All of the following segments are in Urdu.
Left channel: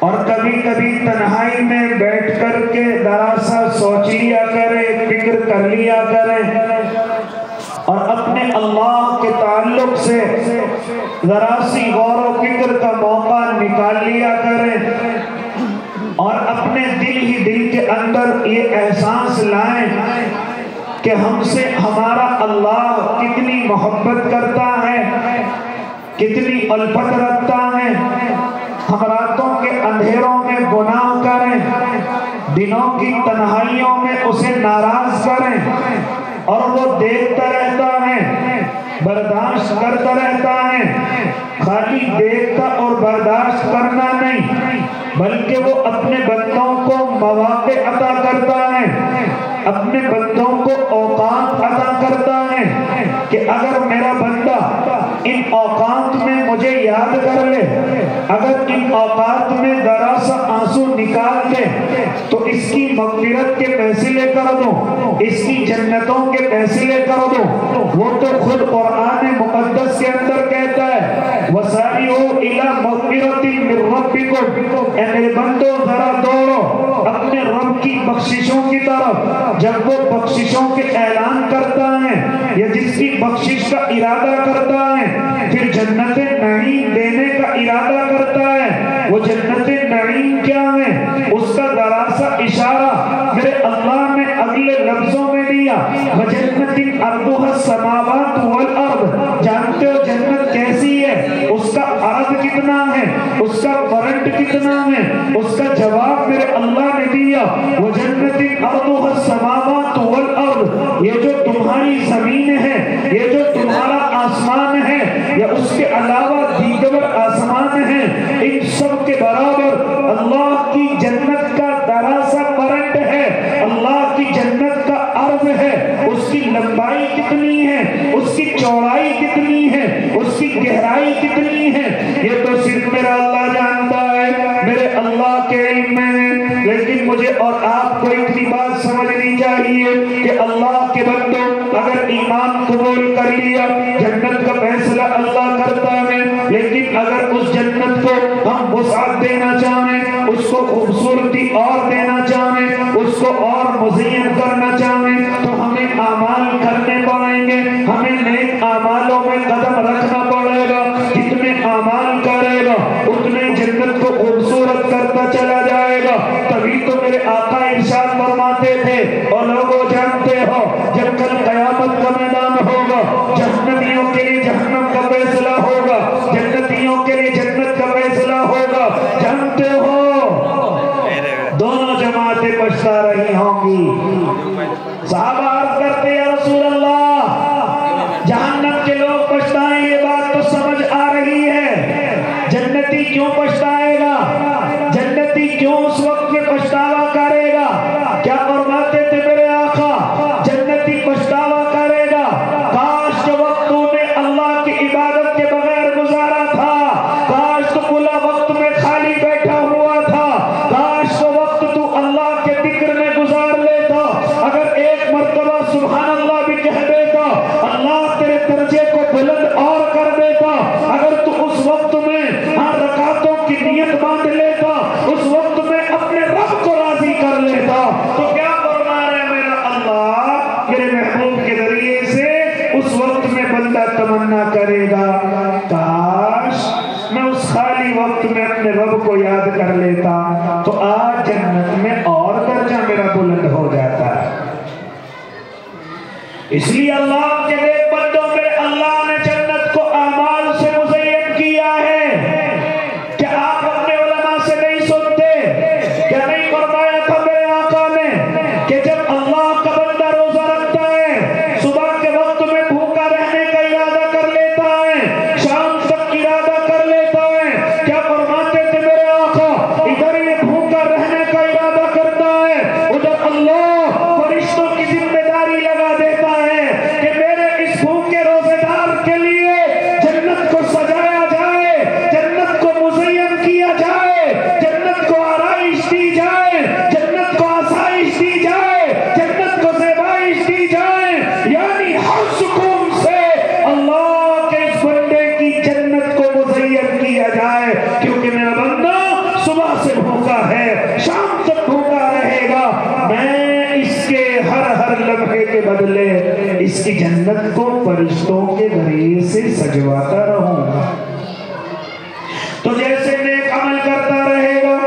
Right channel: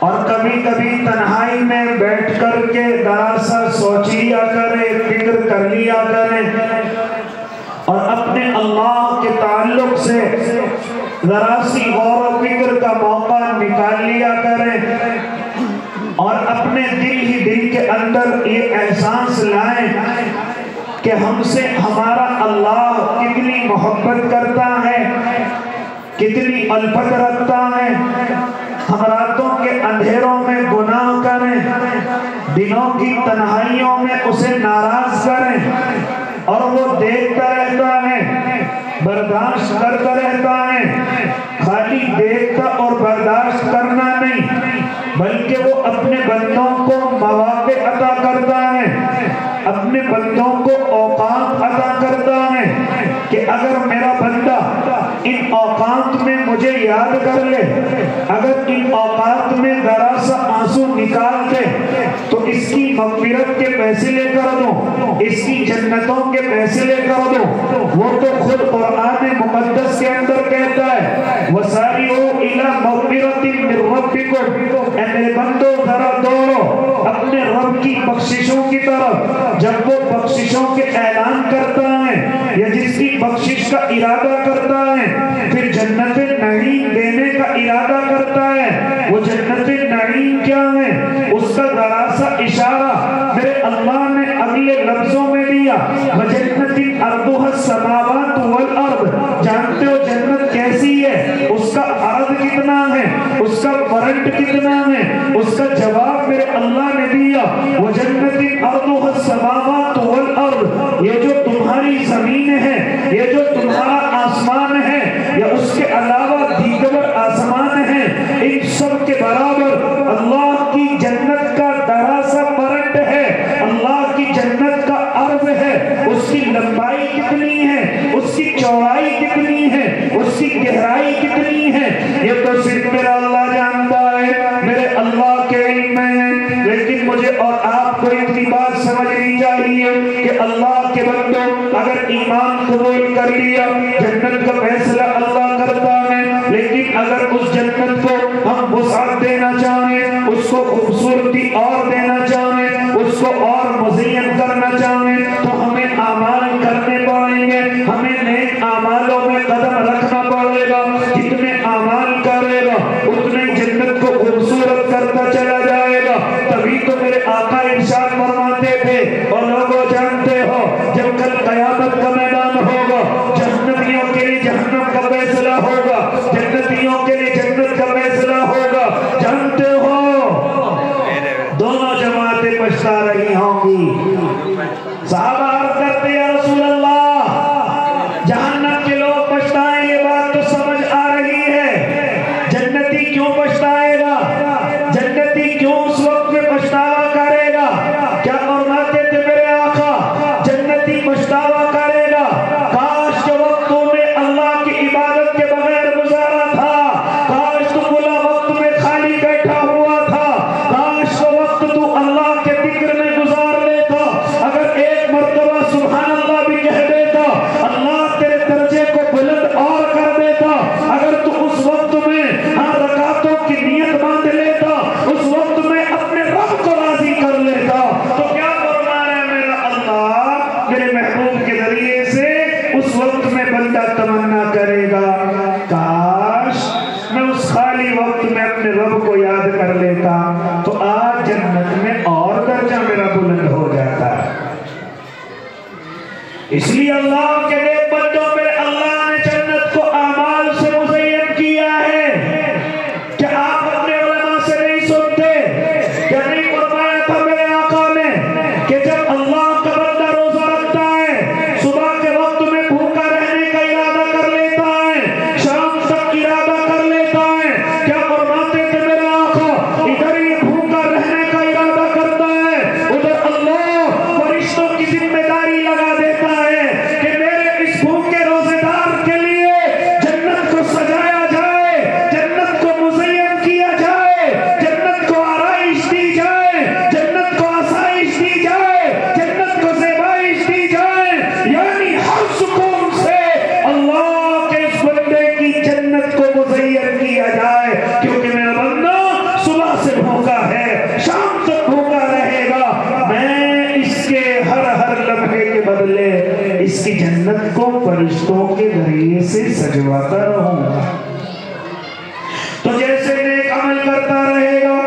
اور کبھی کبھی تنہائی میں بیٹھ کر کے ذرا سا سوچ لیا کریں، فکر کر لیا کریں، اور اپنے اللہ کے تعلق سے ذرا سی غور و فکر کا موقع نکال لیا کریں، اور اپنے دل ہی دل کے اندر یہ احساس لائیں کہ ہم سے ہمارا اللہ کتنی محبت کرتا ہے، کتنی الفت رکھتا ہے۔ ہم راتوں کے اندھیروں میں گناہ کریں، دنوں کی تنہائیوں میں اسے ناراض کریں، اور وہ دیکھتا رہتا ہے، برداشت کرتا رہتا ہے۔ خالی دیکھتا اور برداشت کرنا نہیں، بلکہ وہ اپنے بندوں کو مواقع عطا کرتا ہے، اپنے بندوں کو اوقات عطا کرتا ہے کہ اگر میرا بندہ ان اوقات میں مجھے یاد کر لے، اگر ان اوقات میں ذرا سا آنسو نکال دے، تو اس کی مغفرت کے فیصلے کر دو، اس کی جنتوں کے فیصلے کر دو۔ وہ تو خود قرآن مقدس کے اندر کہتا ہے وَسَارِعُوا إِلَىٰ مَغْفِرَةٍ مِّن رَّبِّكُمْ، اے میرے بندو ذرا دوڑو اپنے رب کی بخششوں کی طرف۔ جب وہ بخششوں کے اعلان کرتا ہے یا جس کی بخشش کا ارادہ کرتا ہے، پھر جنت نعیم دینے کا ارادہ کرتا ہے۔ وہ جنت نعیم کیا ہے؟ اس کا ذرا سا اشارہ میرے اللہ نے اگلے لفظوں میں دیا وَجَنَّتٍ أَرْضُهَا السَّمَاوَاتُ وَالْأَرْضُ۔ جانتے ہو جنت کیسی ہے؟ اس کا عرض کتنا ہے، اس کا فرنٹ کتنا ہے؟ اس کا جواب میرے اللہ نے دیا وَجَنَّتٍ أَرْضُهَا السَّمَاوَاتُ وَالْأَرْضُ۔ یہ جو تمہاری زمین ہے، یہ جو تمہارا آسمان ہے، یا اس کے علاوہ دیگر آسمان ہیں، ان سب کے برابر اللہ کی جنت کا ذرا سا فرنٹ ہے، اللہ کی جنت کا عرض ہے۔ اس کی لمبائی کتنی ہے، اس کی چوڑائی کتنی ہے، اس کی گہرائی کتنی ہے، یہ تو صرف میرا اللہ جانتا ہے، میرے اللہ کے علم میں ہے۔ لیکن مجھے اور آپ کو اتنی بات سمجھنی چاہیے کہ اللہ کے بندوں اگر ایمان قبول کر لیا، جنت کا فیصلہ اللہ کرتا ہے، لیکن اگر اس جنت کو ہم وسعت دینا چاہیں، اس کو خوبصورتی اور دینا چاہیں، اس کو اور مزین کرنا چاہیں، تو ہمیں اعمال کرنے پڑیں گے، ہمیں نیک اعمالوں میں قدم رکھنا پڑے گا۔ جتنے اعمال کرے گا اتنے جنت کو خوبصورت کرتا چلا جائے گا۔ تبھی تو میرے آقا ارشاد فرماتے تھے، اور لوگوں جانتے ہو جب کل قیامت کا میدان ہوگا، جہنمیوں کے لیے جہنم کا فیصلہ ہوگا، جنتیوں کے لیے جنت کا فیصلہ ہوگا، جانتے ہو دونوں جماعتیں پچھتا رہی ہوں گی۔ صحابہ عرض کرتے ہیں رسول اللہ جہنم کے لوگ پچھتائیں، یہ بات تو سمجھ آ رہی ہے، جنتی کیوں پچھتائے گا؟ جنتی کیوں اس وقت میں پچھتاوا کرے گا؟ کیا فرماتے تھے میرے آقا؟ جنتی پچھتاوا کرے گا کاش کے وقت تو نے اللہ کی عبادت کے بغیر گزارا تھا، کاش تو کلا وقت میں خالی بیٹھا ہوا تھا، کاش تو وقت تو اللہ کے ذکر میں گزار لیتا، اگر ایک مرتبہ سبحان اللہ بھی کہہ دیتا، اللہ تیرے درجے کو بلند اور کر دیتا، اگر تو اس وقت میں رکعتوں کی نیت باندھ لیتا، اس وقت میں اپنے رب کو راضی کر لیتا، تو کیا کرنا ہے میرا اللہ میرے محبوب کے ذریعے سے اس وقت میں بندہ تمنا کرے گا کاش میں اس خالی وقت میں اپنے رب کو یاد کر لیتا، تو آج جنت میں اور درجہ میرا بلند ہو جاتا ہے۔ اس لیے اللہ کے نیک بندوں پہ اللہ نے جنت کو اعمال سے مزین کیا ہے۔ کہ آپ اپنے علماء سے نہیں سنتے؟ کیا نہیں فرمایا تھا میرے آقا نے کہ جب اللہ کا بندہ روزہ رکھتا ہے، صبح کے وقت میں بھوکا رہنے کا ارادہ کر لیتا ہے، شام تک ارادہ کر لیتا ہے، کیا فرماتے تھے میرے آقا؟ ادھر یہ بھوکا رہنے کا ارادہ کرتا ہے، ادھر اللہ فرشتوں کی ذمہ داری لگا دیتا ہے کہ ہے، شام تک بھوکا رہے گا، میں اس کے ہر لمحے کے بدلے اس کی جنت کو فرشتوں کے ذریعے سے سجواتا رہوں۔ تو جیسے نیک عمل کرتا رہے گا،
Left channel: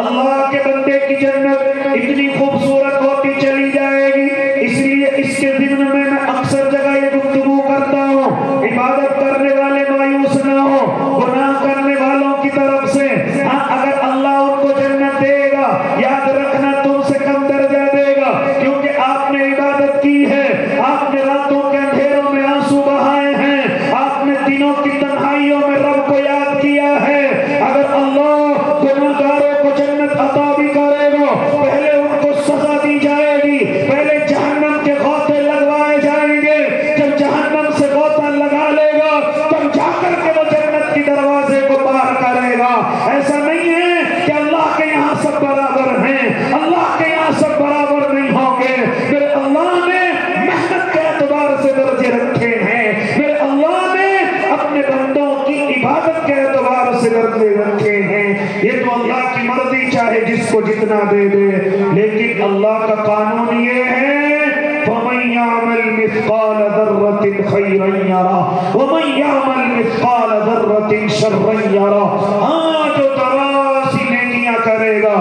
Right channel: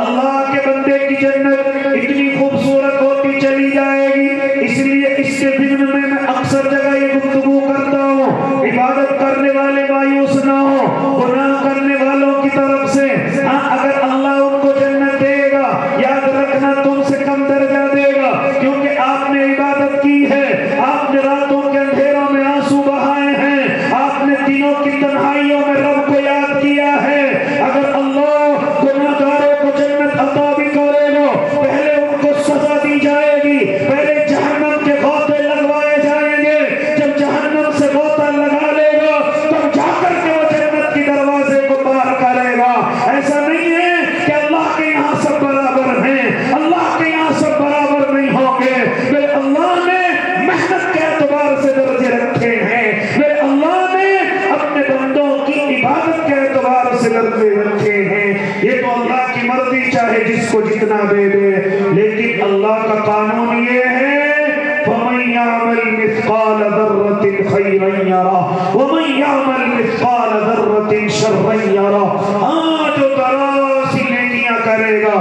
اللہ کے بندے کی جنت اتنی خوبصورت ہوتی چلی جائے گی۔ اس لیے اس کے ذمن میں اکثر جگہ یہ گفتگو کرتا ہوں، عبادت کرنے والے مایوس نہ ہو، گناہ کرنے والوں کی طرف سے اگر اللہ ان کو جنت دے گا، یاد رکھنا تم سے کم درجہ دے گا، کیونکہ آپ نے عبادت کی ہے، آپ نے راتوں کے اندھیروں میں آنسو بہائے ہیں، آپ نے دنوں کی تنہائیوں میں رب کو یاد کیا ہے۔ اگر اللہ گناہگاروں کو جنت عطا بھی کرے گا، پہلے ان کو سزا دی جائے گی، پہلے جہنم کے غوطے لگوائے جائیں گے، جب جہنم سے غوطہ لگا لے گا تب جا کر کے وہ جنت کی دروازے کو پار کرے گا۔ ایسا نہیں ہے کہ اللہ کے یہاں سب برابر ہیں، اللہ کے یہاں سب برابر نہیں ہوں گے، پھر اللہ نے محنت کے اعتبار سے درجے رکھے ہیں، پھر اللہ نے اپنے بندوں کی عبادت کے اعتبار سے درجے رکھے ہیں۔ یہ تو اللہ کی مرضی، چاہے جس کو جتنا دے دے، لیکن اللہ کا قانون یہ ہے فَمَن يَعْمَلْ مِثْقَالَ ذَرَّةٍ خَيْرًا يَرَهُ وَمَن يَعْمَلْ مِثْقَالَ ذَرَّةٍ شَرًّا يَرَهُ۔ ہاں، جو ذرا سی نیکیاں کرے گا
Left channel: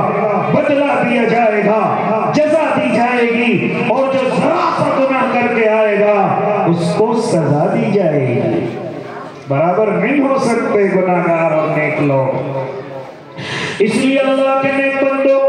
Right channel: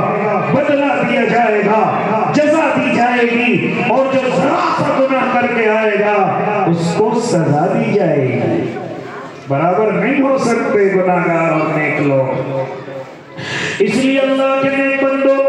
بدلہ دیا جائے گا، جزا دی جائے گی، اور جو ذرا سا گناہ کر کے آئے گا اس کو سزا دی جائے گی۔ برابر نہیں ہو سکتے گناہگار اور نیک لوگ۔ اس لیے اللہ کے نیک بندوں،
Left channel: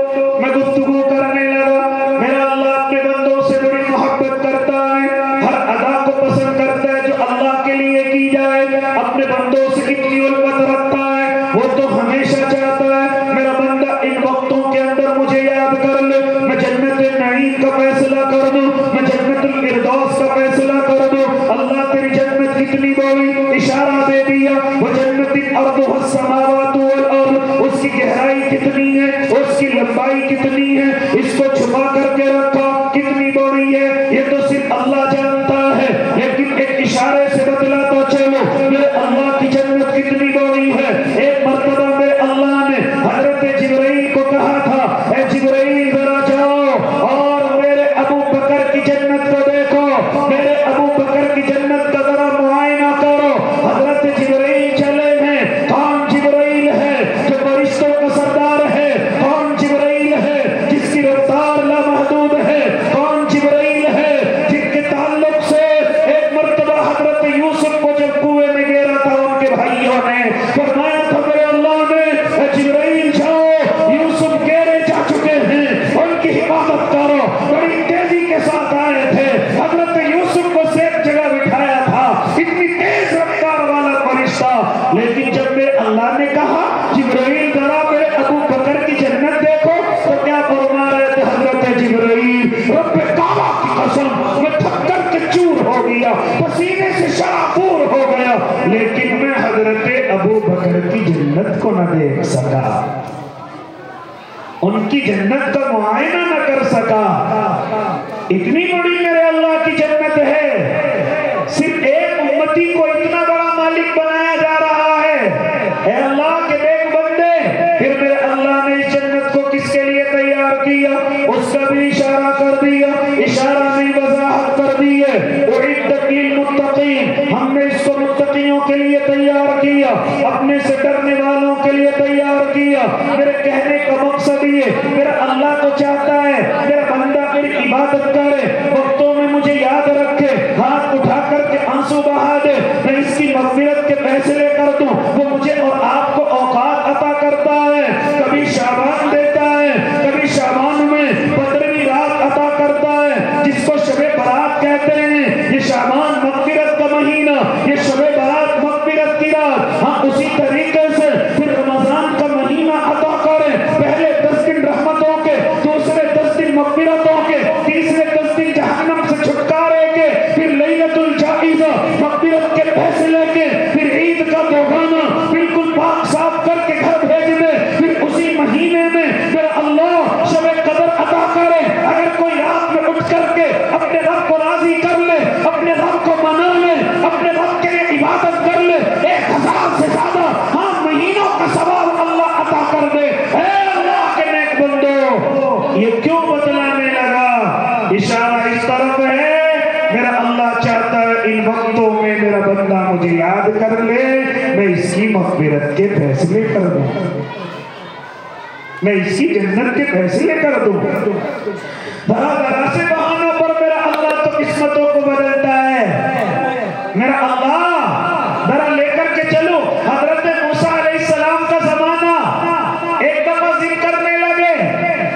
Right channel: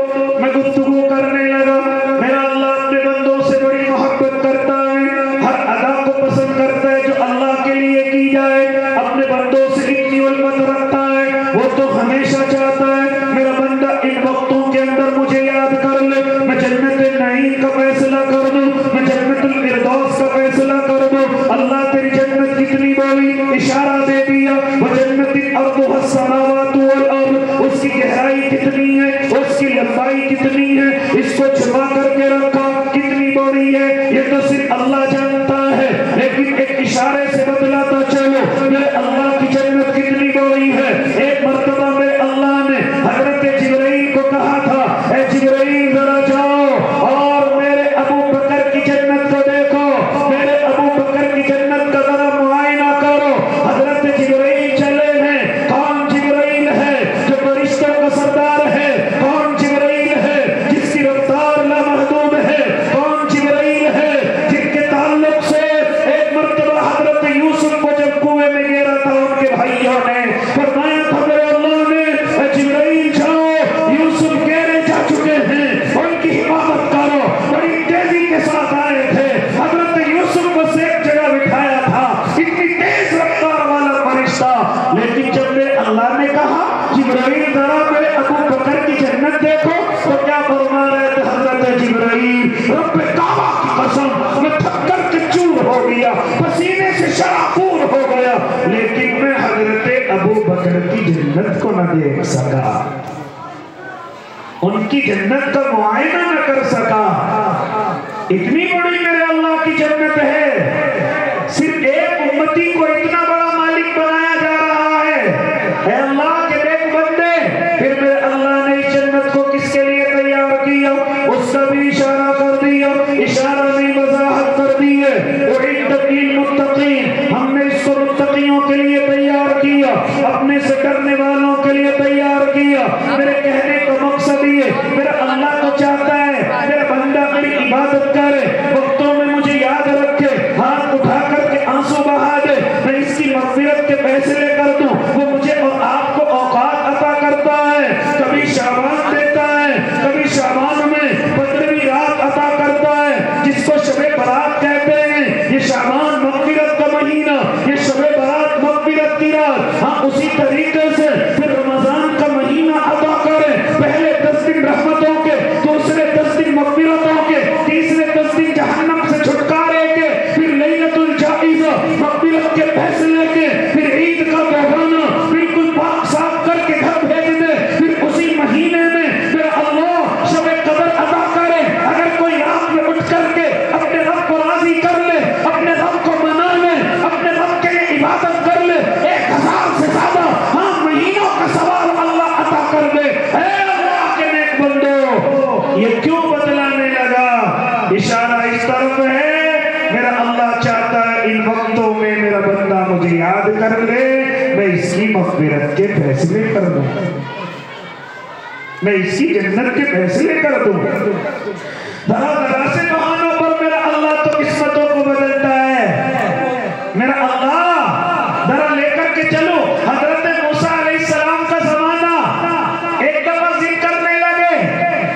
میں گفتگو کرنے لگا، میرا اللہ اپنے بندوں سے بڑی محبت کرتا ہے، ہر ادا کو پسند کرتا ہے جو اللہ کے لیے کی جائے، اپنے بندوں سے کتنی الفت رکھتا ہے، وہ تو ہمیشہ چاہتا ہے میرا بندہ ان وقتوں کے اندر مجھے یاد کر لے، میں جنت نعیم کا فیصلہ کر دوں، میں جنت الفردوس کا فیصلہ کر دوں۔ اللہ تیری جنت کتنی بڑی، اشارہ دے دیا، وَجَنَّتٍ أَرْضُهَا السَّمَاوَاتُ وَالْأَرْضُ، اس کی گہرائی کتنی ہے، اس کی لمبائی کتنی ہے، اس کو چھپا کر کے رکھا کتنی بڑی ہے، یہ تو صرف اللہ جانتا ہے، لیکن ایک اشارے سے بتلاتا چلو میرے اللہ کی جنت کتنی بڑی ہے۔ ایک مرتبہ میرے اللہ نے حضرت جبرائیل کو کہا تھا، اے جبرائیل ذرا جاؤ اور میرے ابو بکر کی جنت کو دیکھو، میرے ابو بکر کی جنت کا ذرا معائنہ کرو۔ حضرت جبرائیل چلے ہیں۔ کون جبرائیل ہے؟ جو فرشتوں کا سردار ہے۔ کون جبرائیل ہے؟ جس کی رفتار لامحدود ہے۔ کون جبرائیل ہے؟ جن کے تعلق سے ایک مرتبہ حضرت یوسف کو جب کنویں میں گرا تھا ان کے بھائیوں نے فرمایا تھا میرے اللہ نے، اے جبرائیل جاؤ، یوسف گہرے جا چکے ہیں، ان کی حفاظت کرو۔ بڑی تیزی کے ساتھ آئے تھے، حضرت یوسف کو ایک جگہ بٹھایا تھا، اتنی تیز رفتار والا فرشتہ، لیکن جب میرے اللہ نے کہا جبرائیل ذرا میرے ابو بکر کی جنت دیکھو، تو کیا فرما رہے تھے حضرت جبرائیل؟ رب کعبہ کی قسم میں تھک کر کے چور ہو گیا، پسینے سے شرابور ہو گیا، لیکن میں حضرت ابو بکر کی جنت کو نہ دیکھ سکا، ان کی جنت کا معائنہ نہ کر سکا۔ اتنی بڑی میرے اللہ کی جنت ہے، صرف ایک امتی کو اتنا بڑا مالک بنایا جا رہا ہے۔ اے اللہ کے نیک بندے، پھر میرے اللہ نے اس جنت کو کس کے لیے تیار کیا؟ اس کا بھی اشارہ کر دیا، اشارہ نہیں وضاحت کر دی ہے۔ اُعِدَّتْ لِلْمُتَّقِينَ، ہم نے اس کو متقیوں کے لیے تیار کیا، اپنے سے ڈرنے والوں کے لیے تیار کیا۔ میرے کہنے کا مقصد یہ، میرا اللہ تو چاہتا ہے میرا بندہ میری عبادت کرے، وقتوں میں مجھے یاد رکھے، ہاتھ اٹھا کر کے آنسو بہا دے، میں اس کی مغفرت کے فیصلے کر دوں، وہ مجھے اور آپ کو اوقات عطا کرتا ہے۔ کر دوں، میں اس کی جنت کے فیصلے کر دوں. ذرا سے بہانوں پر میرا اللہ تو قسمتوں کو بدلتا ہے. میرا اللہ ذرا لے کر کے چلو. حضرت موسیٰ علیہ السلام کا زمانہ ایک دفعہ ذکر کرنے لگے،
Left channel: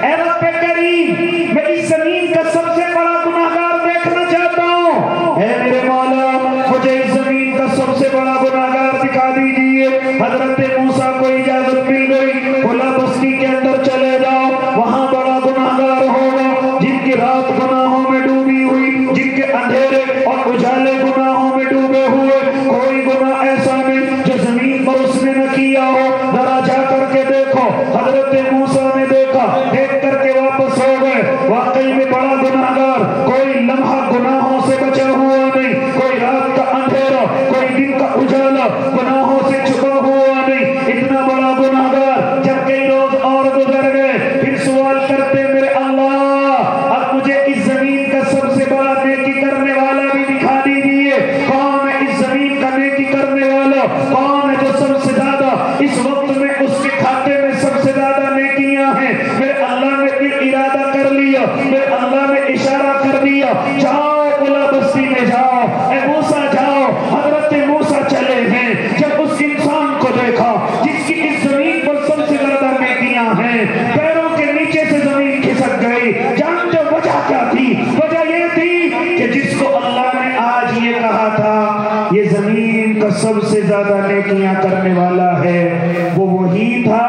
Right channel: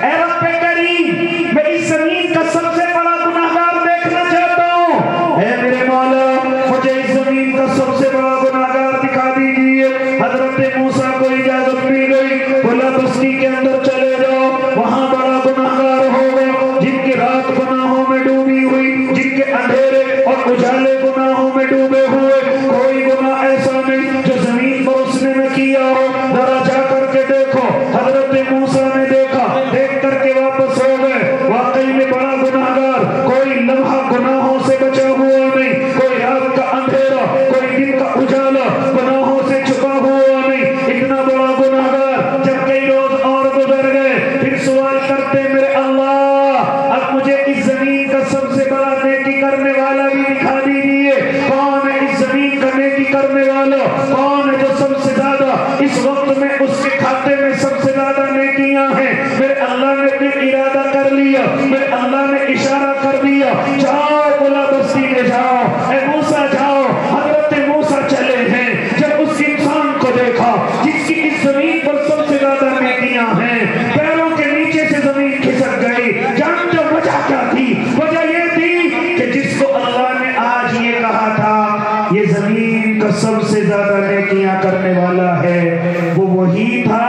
اے رب کریم میں اس زمین کا سب سے بڑا گناہگار دیکھنا چاہتا ہوں. اے میرے مولا مجھے اس زمین کا سب سے بڑا گناہگار دکھا دیجیے. حضرت موسیٰ کو اجازت مل گئی، بولا بستی کے اندر چلے جاؤ، وہاں بڑا گناہگار ہوگا جن کی رات گناہوں میں ڈوبی ہوئی، جن کے اندھیرے اور اجالے گناہوں میں ڈوبے ہوئے. کوئی گناہ ایسا نہیں جو زمین پر اس نے نہ کیا ہو. ذرا جا کر کے دیکھو. حضرت موسیٰ نے دیکھا، دیکھ کر کے واپس ہو گئے. واقعی میں بڑا گناہگار، کوئی لمحہ گناہوں سے بچا ہوا نہیں، کوئی رات کا اندھیرا، کوئی دن کا اجالا گناہوں سے چھپا ہوا نہیں. اتنا بڑا گناہگار. جب کئی روز اور گزر گئے، پھر سوال کرتے میرے اللہ اب مجھے اس زمین کا سب سے بڑا نیکی کرنے والا بھی دکھا دیجیے. کون ہے اس زمین کا نیکی کرنے والا؟ کون ہے جو سب سے زیادہ اس وقت میں اس کے کھاتے میں سب سے زیادہ نیکیاں ہیں؟ میرے اللہ نے پھر ارادہ کر لیا، میرے اللہ نے اشارہ کر دیا، جاؤ بلا بستی میں جاؤ. اے موسیٰ جاؤ. حضرت موسیٰ چلے ہیں. جب اس انسان کو دیکھا جس کی اس زمین پر سب سے زیادہ نیکیاں ہیں، پیروں کے نیچے سے زمین کھسک گئی. جانتے وجہ کیا تھی؟ وجہ یہ تھی کہ جس کو اللہ نے آج یہ کہا تھا یہ زمین کا سب سے زیادہ نیکیاں کرنے والا ہے، وہ وہی تھا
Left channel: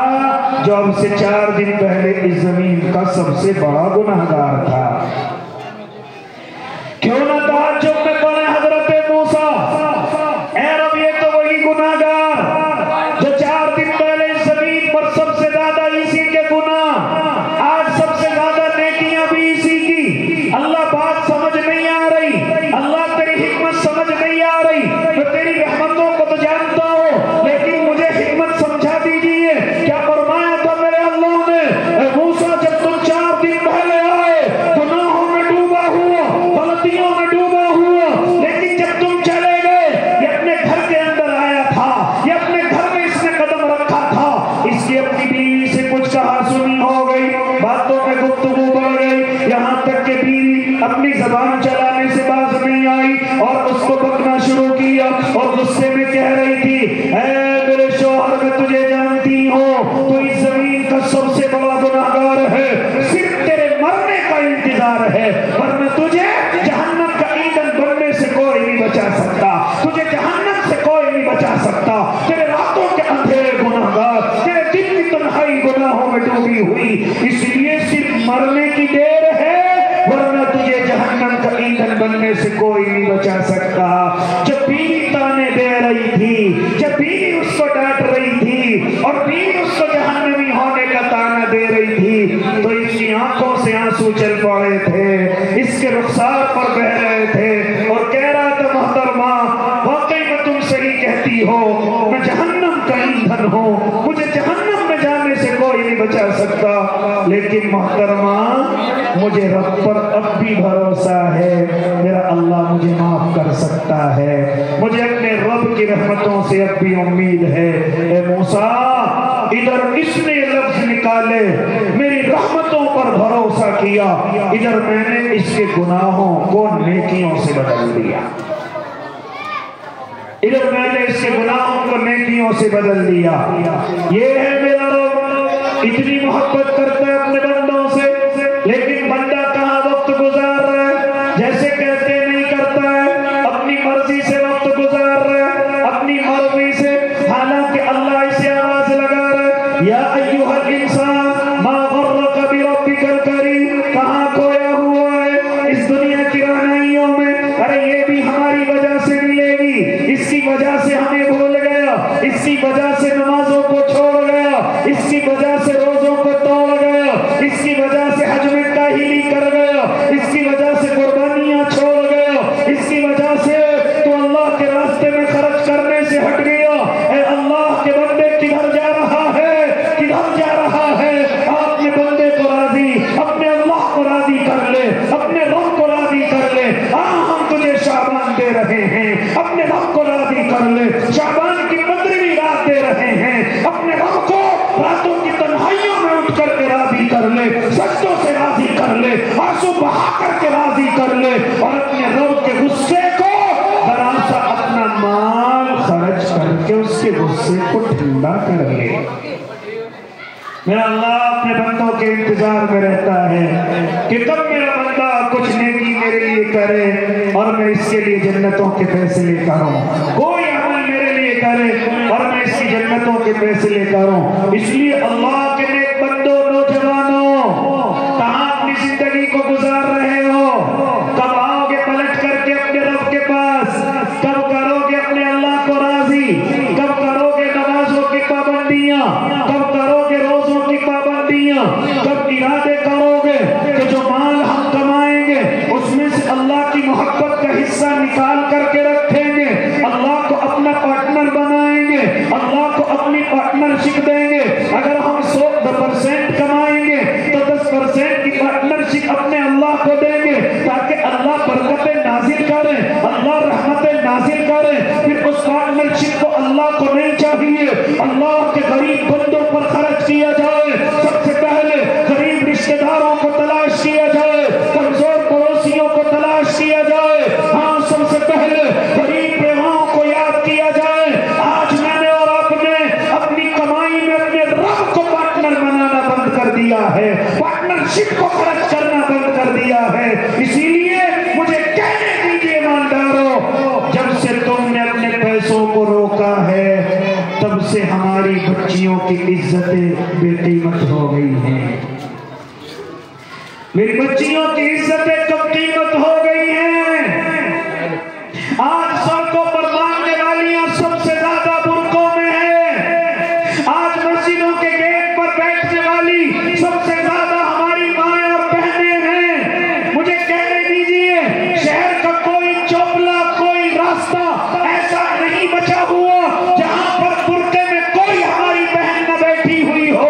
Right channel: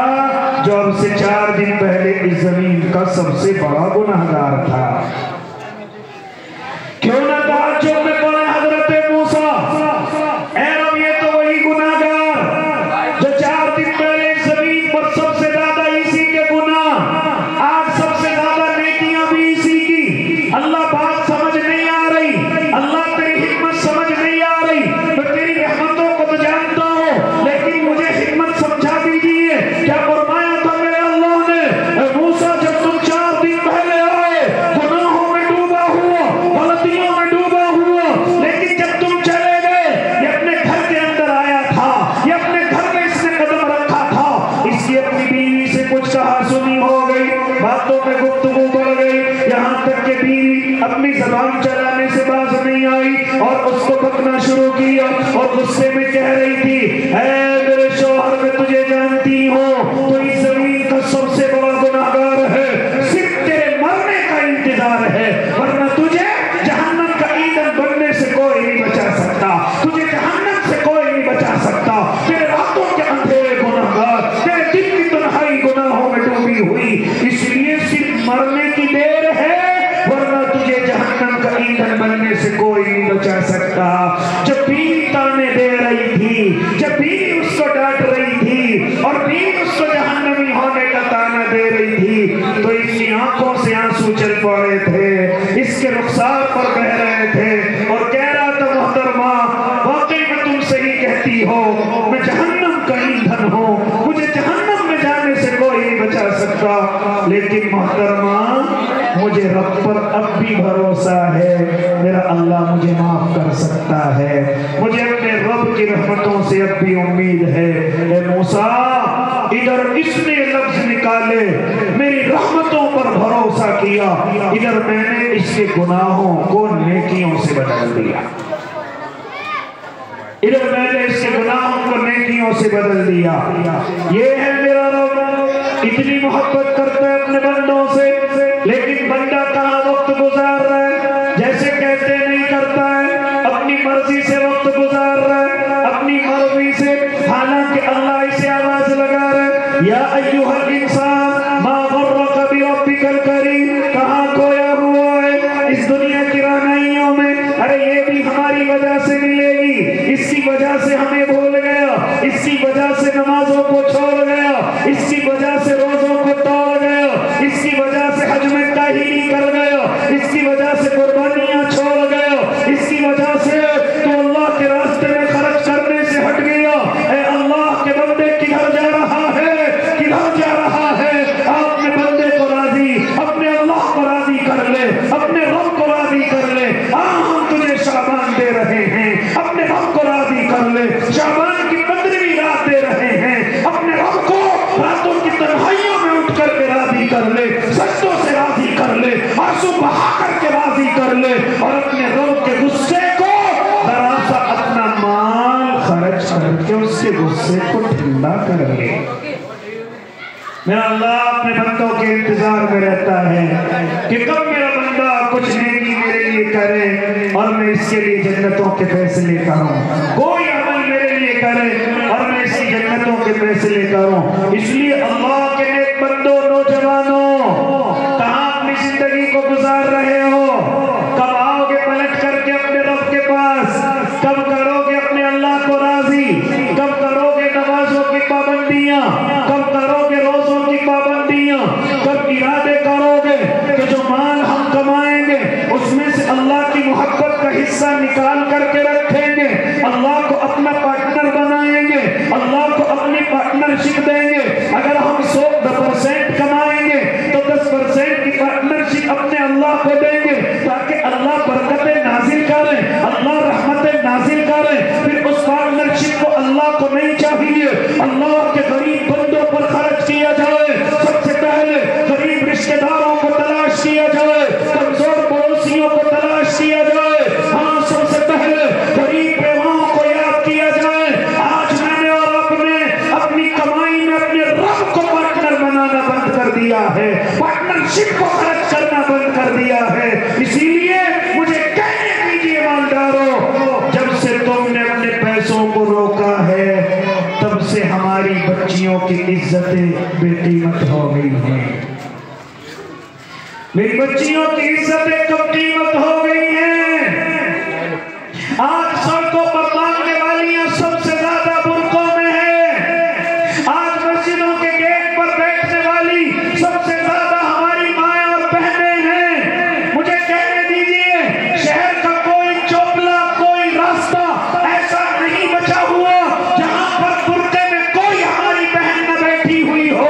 جو اب سے 4 دن پہلے اس زمین کا سب سے بڑا گناہگار تھا. کیوں نہ تعجب میں کون حضرت موسیٰ، اے رب یہ تو وہی گناہگار جو 4 دن پہلے اس زمین پر سب سے زیادہ اسی کے گناہ، آج سب سے زیادہ نیکیاں بھی اسی کی. اللہ بات سمجھ نہیں آ رہی، اللہ تیری حکمت سمجھ نہیں آ رہی. میں تیری رحمتوں کو تو جانتا ہوں لیکن مجھے حکمت سمجھا دیجیے. کیا فرمایا تھا میرے اللہ نے؟ اے موسیٰ جب تم 4 دن پہلے آئے گناہوں میں ڈوبا ہوا، غلطیوں میں ڈوبا ہوا، لیکن جب تم چلے گئے یہ اپنے گھر کے اندر آیا تھا، یہ اپنے گھر میں اس نے قدم رکھا تھا. اس کی اپنی بیوی سے کچھ کہا سنی ہو گئی، باتوں میں گفتگو بڑھ گئی، یہاں تک کہ بیوی اپنی زبان چلانے سے باز نہیں آئی اور اس کو بکنا شروع کیا اور غصے میں کہہ رہی تھی، اے میرے شوہر میں تجھے جانتی ہوں تو اس زمین کا سب سے بڑا گناہگار ہے، صرف تیرے مرنے کا انتظار ہے ورنہ تجھے جہنم کا ایندھن بننے سے کوئی نہیں بچا سکتا، تجھے جہنم سے کوئی نہیں بچا سکتا. تیرے راتوں کے اندھیرے گناہگار، تیرے دن کی تنہائی گناہوں میں ڈوبی ہوئی، اس لیے صرف مرنے کی دیر ہے ورنہ تجھے جہنم کا ایندھن بننے سے کوئی نہیں بچا سکتا. جب بیوی تانے دے رہی تھی، جب بیوی اس کو ڈانٹ رہی تھی اور بیوی اس کو جہنمی ہونے کا تانا دے رہی تھی تو اس کی آنکھوں سے آنسو چل پڑے تھے، اس کے رخسار پر بہہ رہے تھے اور کہہ رہا تھا محترمہ واقعی میں تم صحیح کہتی ہو، میں جہنم کا ایندھن ہوں، مجھے جہنم میں جانے سے کوئی نہیں بچا سکتا. لیکن محترمہ مجھے رب پر اب بھی بھروسہ ہے، میرا اللہ مجھے معاف کر سکتا ہے، مجھے اپنے رب کی رحمتوں سے اب بھی امید ہے. اے موسیٰ ادھر اس نے لفظ نکالے میری رحمتوں پر بھروسہ کیا، ادھر میں نے اس کے گناہوں کو نیکیوں سے بدل دیا، ادھر میں نے اس کے گناہوں کو نیکیوں سے بدل دیا. یہ ہے میرا رب، اتنی محبت کرتا ہے اپنے بندوں سے لیکن بندہ کہاں وقت گزار رہا ہے؟ جیسے کہتے نہیں کرتا ہے، اپنی مرضی سے وقت گزار رہا ہے، اپنی مرضی سے، حالانکہ اللہ اسے آواز لگا رہا ہے، یا ایھا الانسان ما غرک بربک الکریم. کہاں کھویا ہوا ہے اس دنیا کی رہنائیوں میں؟ ارے یہ بھی ہماری وجہ سے ملے گی، اس کی وجہ سے ہمیں بھول گیا، اس کی وجہ سے نمازوں کو چھوڑ گیا، اس کی وجہ سے روزوں کو توڑ گیا، اس کی وجہ سے حج میں کاہلی کر گیا، اس کی وجہ سے قربانیاں چھوڑ گیا، اس کی وجہ سے تو اللہ کے راستے میں خرچ کرنے سے ہٹ گیا. اے اللہ کے بندے کدھر جا رہا ہے، کدھر جا رہا ہے؟ اپنے بندے کو راضی، اپنے اللہ کو راضی کر لے، اپنے روح کو راضی کر لے. ہم تجھے شعبان دے رہے ہیں، اپنے روح کو راضی کر لے. شعبان کی 15ویں رات دے رہے ہیں، اپنے روح کو میرا اللہ اپنے بندوں کے انتظار میں رہتا ہے کہ کب میرا بندہ کچھ نیکی میرے لیے کرے اور میں اس کے لیے جنتوں کے فیصلے کروں، کوئی عمل میرے لیے کرے اور میں اس کی جنتوں کے فیصلے کروں۔ اس لیے اللہ کے نیک بندوں، نوجوانوں، کہاں اپنی زندگی کو گزار رہے ہو؟ کب آؤ گے پلٹ کر کے اپنے رب کے پاس؟ کب کرو گے اپنے اللہ کو راضی؟ کب کرو گے نمازوں کی پابندیاں؟ کب کرو گے روزوں کی پابندیاں؟ کب ارادے کرو گے کہ جو مال ہم کمائیں گے اس میں سے اللہ کی محبت کا حصہ نکال کر کے رکھیں گے، اللہ کو اپنا پارٹنر بنائیں گے، اللہ کو اپنی پارٹنرشپ دیں گے؟ اگر ہم 100% کمائیں گے تو 10% کی پارٹنرشپ اپنے اللہ کو دیں گے تاکہ اللہ برکتیں نازل کرے، اللہ رحمتیں نازل کرے۔ پھر اس پارٹنرشپ کو اللہ کو نہیں چاہیے اللہ کے غریب بندوں پر خرچ کیا جائے، سب سے پہلے غریب رشتہ داروں کو تلاش کیا جائے، کمزور پڑوسیوں کو تلاش کیا جائے، ہاں سب سے پہلے غریب بیواؤں کو یاد کیا جائے۔ آج میں نے اور آپ نے اپنی کمائی میں اپنے رب کو پارٹنر بنانا بند کر دیا ہے، پارٹنرشپ کو خرچ کرنا بند کر دیا ہے۔ اسی لیے مجھے کہنے دیجیے ایمانداروں، جب سے تم نے اپنے پیسوں کو روکا ہے تب سے ہماری بچیوں کی عزتیں بے قیمت ہو گئی ہیں، میری بچیوں کی عزتیں کم قیمت ہو گئی ہیں۔ آج سڑکوں پر مانگنے والیاں سب سے زیادہ برقعوں میں ہیں، آج مسجدوں کے گیٹ پر بیٹھنے والی سب سے زیادہ ہماری مائیں اور بہنیں ہیں۔ مجھے کہنے دیجیے شہر کا کوئی چوپلا، کوئی راستہ ایسا نہیں بچا ہوا جہاں پر برقعے میں کوئی ہماری بہن نہ بیٹھی ہوئی ہو۔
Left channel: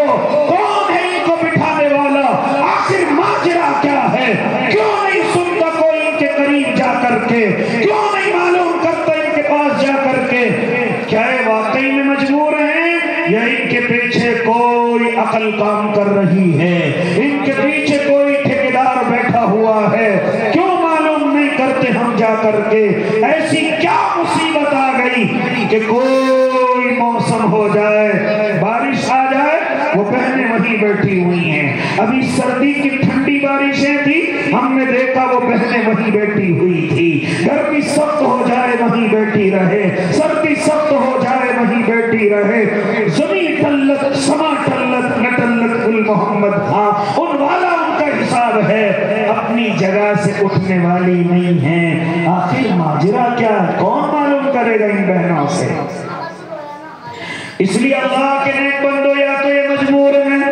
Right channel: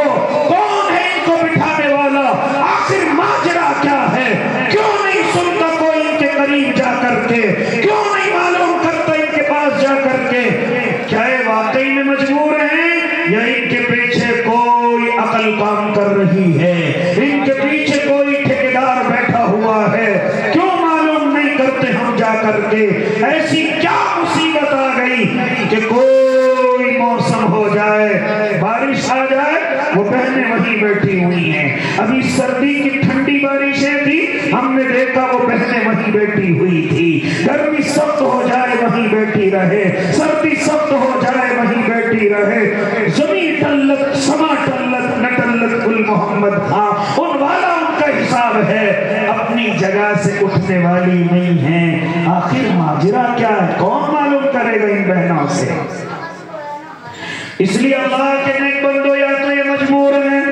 کون ہے ان کو بٹھانے والا؟ آخر ماجرا کیا ہے؟ کیوں نہیں سنتا کوئی ان کے قریب جا کر کے؟ کیوں نہیں معلوم کرتا ان کے پاس جا کر کے؟ کیا یہ واقعی میں مجبور ہیں یا ان کے پیچھے کوئی عقل کام کر رہی ہے؟ ان کے پیچھے کوئی ٹھیکیدار بیٹھا ہوا ہے؟ کیوں معلوم نہیں کرتے ہم جا کر کے؟ ایسی کیا مصیبت آ گئی کہ کوئی موسم ہو جائے، بارش آ جائے، وہ بہنیں وہیں بیٹھی ہوئی ہیں۔ ابھی سردی کی ٹھنڈی بارشیں تھی، ہم نے دیکھا وہ بہنیں وہیں بیٹھی ہوئی تھی۔ گرمی سخت ہو جائے وہیں بیٹھی رہے، سردی سخت ہو جائے وہیں بیٹھی رہے۔ زمین ٹلت، سما ٹلت، نہ ٹلت گل محمد خان، ان والا ان کا حساب ہے، اپنی جگہ سے اٹھنے والی نہیں ہے۔ آخر ماجرا کیا ہے؟ کون معلوم کرے گا ان بہنوں سے؟ اس لیے اللہ کے نیک بندو، یا تو یہ مجبور ہیں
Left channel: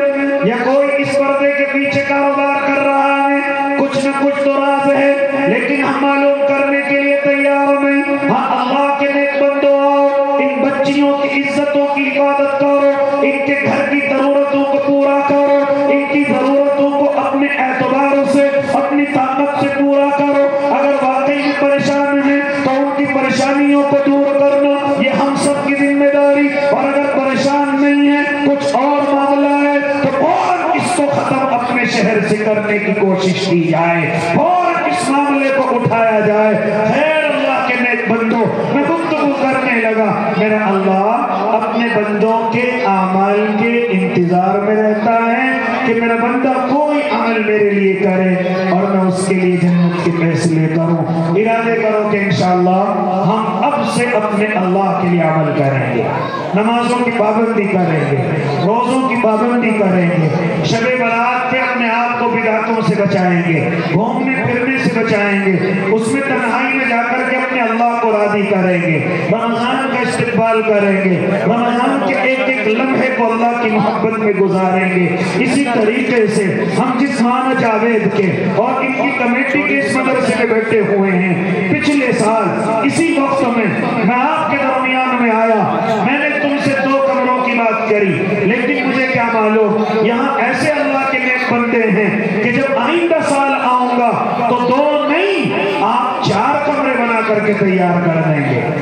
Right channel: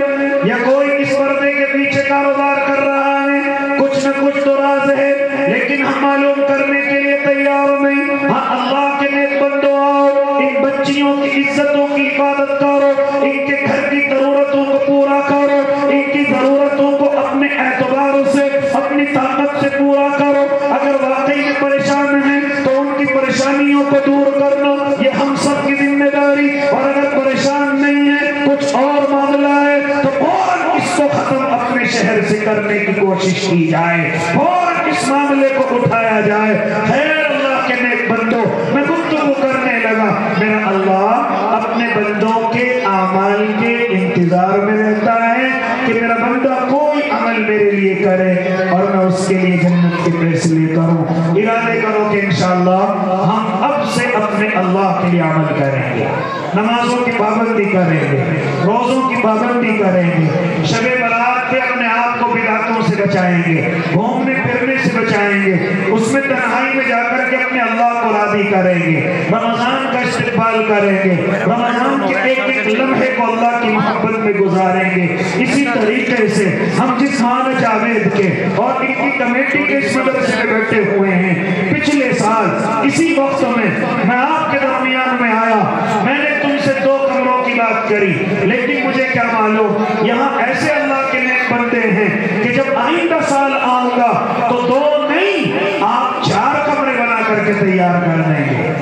یا کوئی اس پردے کے پیچھے کاروبار کر رہا ہے، کچھ نہ کچھ تو راز ہے، لیکن ہم معلوم کرنے کے لیے تیار نہیں۔ ہاں اللہ کے نیک بندو، آؤ ان بچیوں کی عزتوں کی حفاظت کرو، ان کے گھر کی ضرورتوں کو پورا کرو، ان کی ضرورتوں کو اپنے اعتبار سے، اپنی طاقت سے پورا کرو۔ اگر واقعی پریشان ہیں تو ان کی پریشانیوں کو دور کرنا یہ ہم سب کی ذمہ داری، اور اگر پریشان نہیں ہے، کچھ اور معاملہ ہے تو فوراً اس کو ختم اپنے شہر سے کرنے کی کوشش کی جائے، فوراً اس معاملے کو اٹھایا جائے۔ خیر اللہ کے نیک بندوں، میں گفتگو کرنے لگا، میرا اللہ اپنے بندوں کے اعمال کے انتظار میں رہتا ہے کہ میرا بندہ کوئی عمل میرے لیے کرے اور میں اس کے لیے جنت کے فیصلے کروں۔ ارادے کرو کہ انشاءاللہ ہم اب سے اپنے اللہ کے لیے عمل کریں گے، نمازوں کی پابندی کریں گے، روزوں کی پابندی کریں گے، شب برات کے اپنے آپ کو بدعتوں سے بچائیں گے، گھومنے پھرنے سے بچائیں گے، اس میں تنہائی میں جا کر کے اپنے اللہ کو راضی کریں گے، رمضان کا استقبال کریں گے، رمضان کے ایک ایک لمحے کو اللہ کی محبت میں گزاریں گے۔ اسی طریقے سے ہم جس مانا جاوید کے اور ان کی کمیٹی کے اس مدرسے میں بیٹھے ہوئے ہیں، پچھلے سال اسی وقت میں آپ کے درمیان میں آیا، میں نے تم سے 2 کمروں کی بات کری، لیکن مجھے کیا معلوم یہاں ایسے اللہ کے نیک بندے ہیں کہ جب آئندہ سال آؤں گا تو 2 نہیں، آپ 4 کمرے بنا کر کے تیار کر دیں گے۔